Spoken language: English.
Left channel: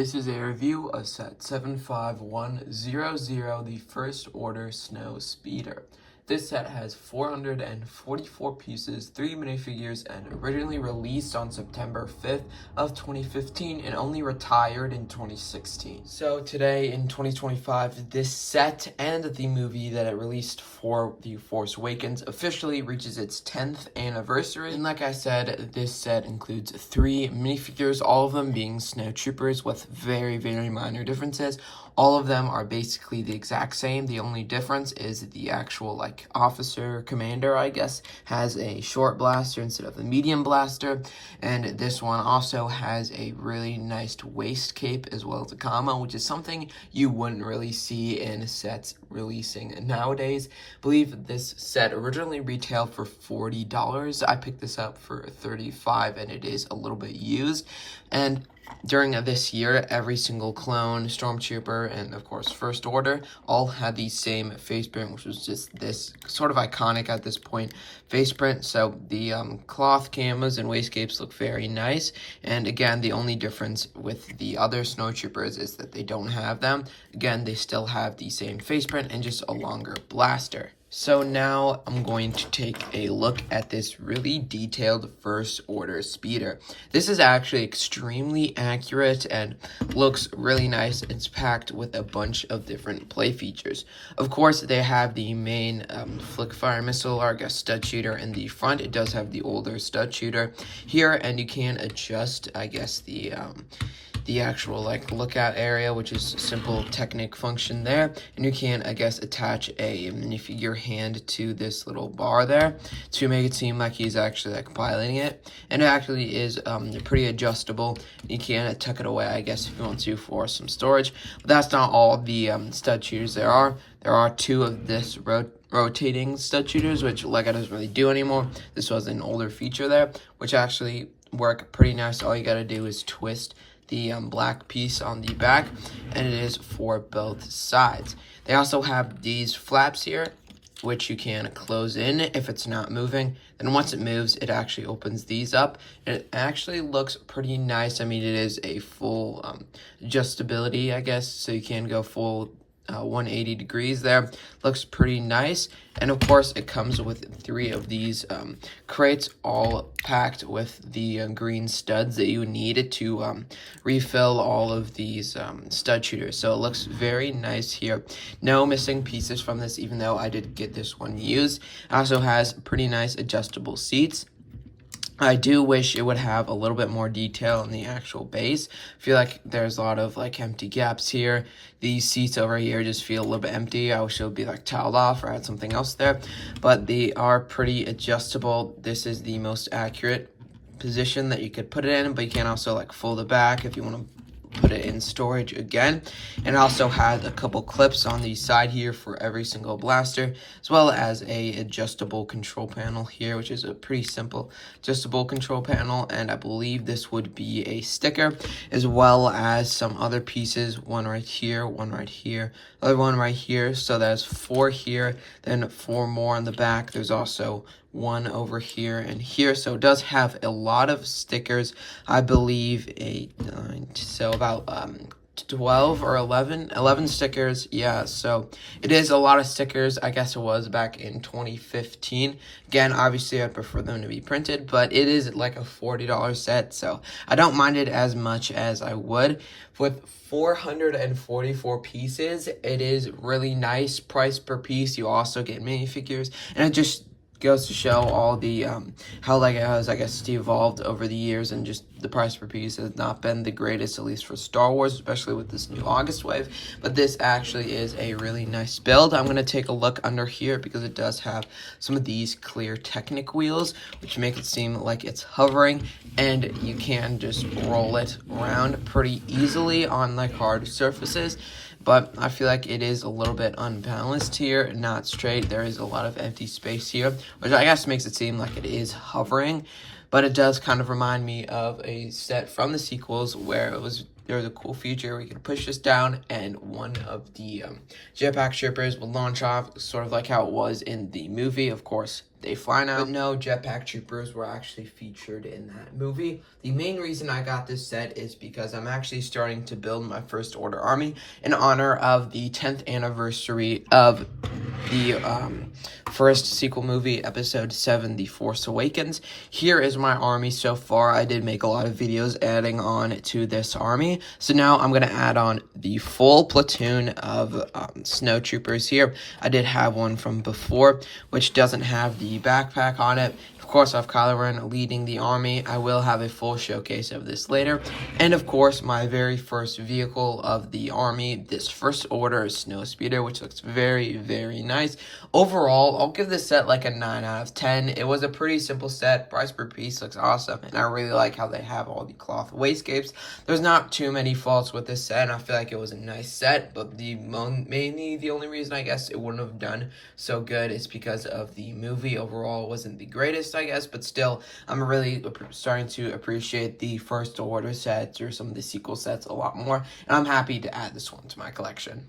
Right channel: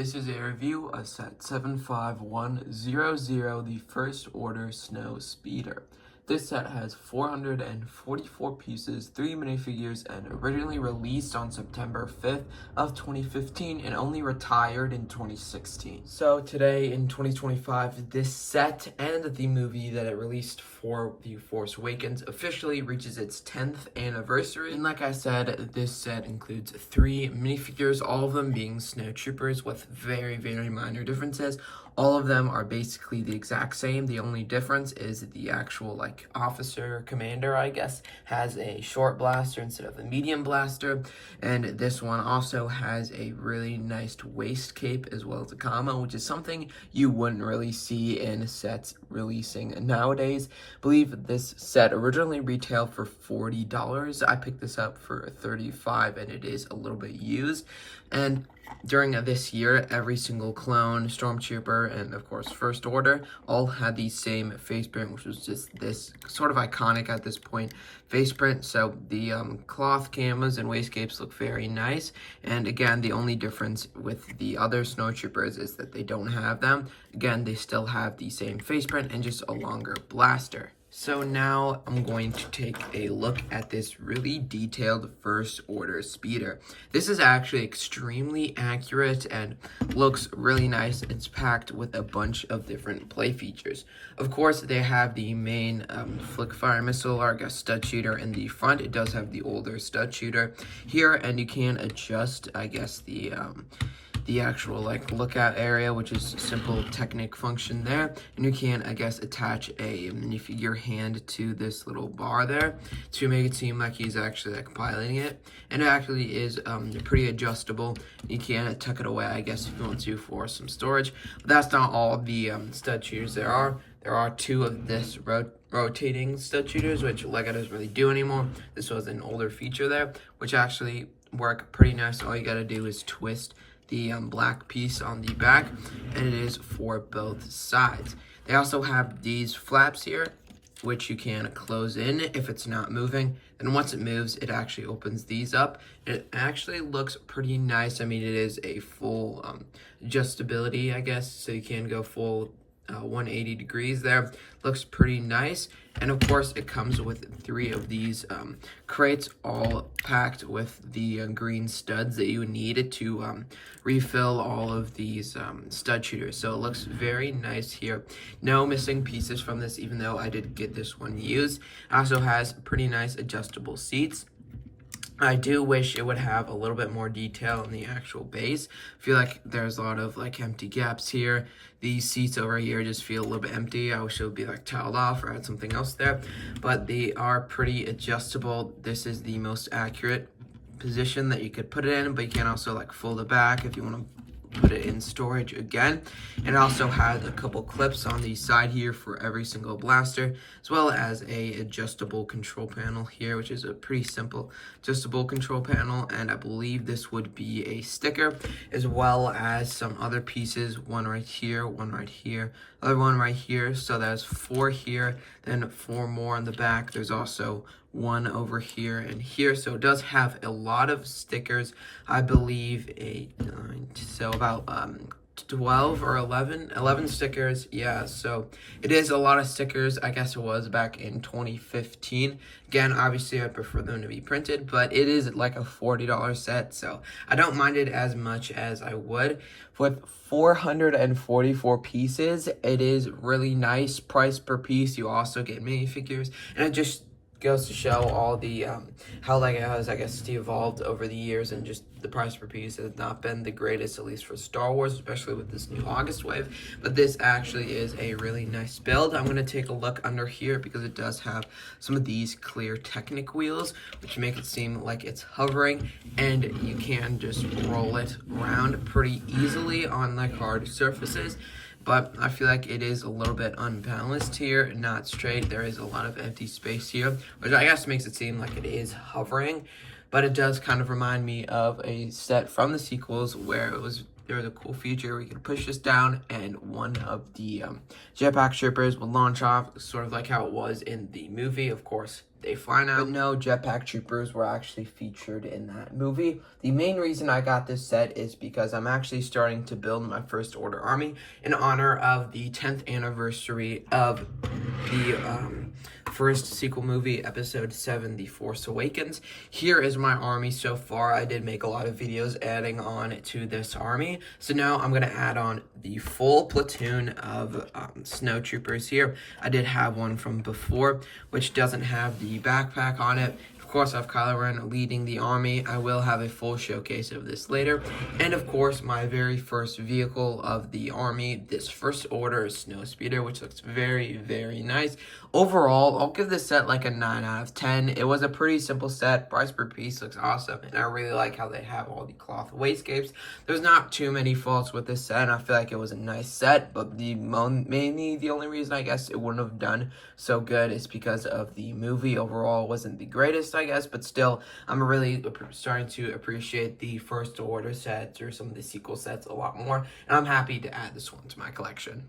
This is a review of set 75100, the First Order Snow Speeder. This set has 444 pieces, 3 minifigures, and originally released on September 5th of 2015 and only retired in 2016. So today in 2025, this set and the movie that it released for The Force Awakens officially reaches its 10th anniversary. And like I said, this set includes 3 minifigures, all of them being snowtroopers with very, very minor differences. All of them are basically the exact same. The only difference is the actual officer commander, I guess, has a short blaster instead of a medium blaster. And this one also has a really nice waist cape as well as a combo, which is something you wouldn't really see in sets releasing nowadays. I believe this set originally retailed for $40. I picked this up for $35 and it is a little bit used. And during this year, every single clone, Stormtrooper, and of course First Order all had the same face print, which was just this sort of iconic at this point face print. So the cloth camas and waistcapes look very nice. And again, the only difference with the other Snowtroopers is that they don't have them. Again, they still have the same face print and just a longer blaster. So now I'm going to take a look at this really detailed First Order speeder. This is actually extremely accurate and looks really nice. It's packed with a bunch of different play features. Of course, they have the main flick fire missile, or I guess stud shooter in the front. It does have the older stud shooter here, and you can adjust, I guess, the actual lookout area, which is simple Technic function there. And you can, I guess, attach a minifigure hand to this little bar there to make it seem like he's actually piloting it. And it actually is pretty adjustable. You can tuck it away, I guess, if you want to, for some storage. But that's not all the stud shooters there are. There are 2 of this rotating stud shooters, which LEGO doesn't really do anymore. This was an older feature there, which actually work pretty nice. All you gotta do is twist the black piece on the back, and it is for both sides. They also have these flaps here, which you can close in if it's not moving. And once it moves, it actually opens these up. And it actually looks pretty nice. I mean, it is a full adjustability, I guess, so you can go full 180 degrees there. Looks pretty nice. And of course, it comes with 3 of these crates, all packed with the green studs that you need to refill all of these stud shooters. So it looks very nice here. No missing pieces from this, even though I did get this one used. It also has pretty nice adjustable seats. I do wish it would have a little bit more detail in the actual base. I feel like there's a lot of empty gaps here. These seats over here just feel a little bit empty. I wish it would be tiled off or add something else there. But they are pretty adjustable. This is the most accurate position that you could put it in, but you can also fold it back if you want to put it in storage again. And it also has a couple clips on the side here for every single blaster, as well as a adjustable control panel here, which is a pretty simple adjustable control panel. And I believe this would be a sticker, as well as some other pieces, one right here, one right here, other one right here. So there's 4 here, then 4 more on the back. There's also 1 over here and here. So it does have a lot of stickers. I believe 8, 9, so about 12 or 11 stickers. Yeah, so it is a lot of stickers. I guess it was back in 2015. Again, obviously I prefer them to be printed, but it is a $40 set, so I don't mind it as much as I would. With 444 pieces, it is really nice price per piece. You also get minifigures, and it just goes to show all the how LEGO has, I guess, evolved over the years, and just the price per piece has not been the greatest, at least for Star Wars, especially with this new August wave. But this actually is a really nice build. I'm going to take a look under here because it does have some of these clear Technic wheels, which make it seem like it's hovering, and you can just roll it around pretty easily on hard surfaces. But I feel like it is a little bit unbalanced here, not straight. There is a lot of empty space here, which I guess makes it seem like it is hovering. But it does kind of remind me of a set from the sequels where there was a cool feature where you could push this down and one of the jetpack troopers would launch off, sort of like how it was in the movie. Of course, they fly now. But no, Jetpack Troopers were actually featured in that movie. The main reason I got this set is because I'm actually starting to build my First Order army in honor of the 10th anniversary of the first sequel movie, Episode 7, The Force Awakens. Here is my army so far. I did make a lot of videos adding on to this army. So now I'm going to add on the full platoon of snow troopers here. I did have one from before, which doesn't have the backpack on it. Of course, I have Kylo Ren leading the army. I will have a full showcase of this later. And of course, my very first vehicle of the army, this First Order Snow Speeder, which looks very, very nice. Overall, I'll give this set like a 9 out of 10. It was a pretty simple set. Price per piece looks awesome. And I really like how they have all the cloth wastegapes. There's not too many faults with this set. I feel like it was a nice set. But mainly the only reason I guess it wouldn't have done so good is because of the movie. Overall, it wasn't the greatest, I guess. But still, I'm really starting to appreciate the First Order sets or some of the sequel sets a lot more. And I'm happy to add this one to my collection.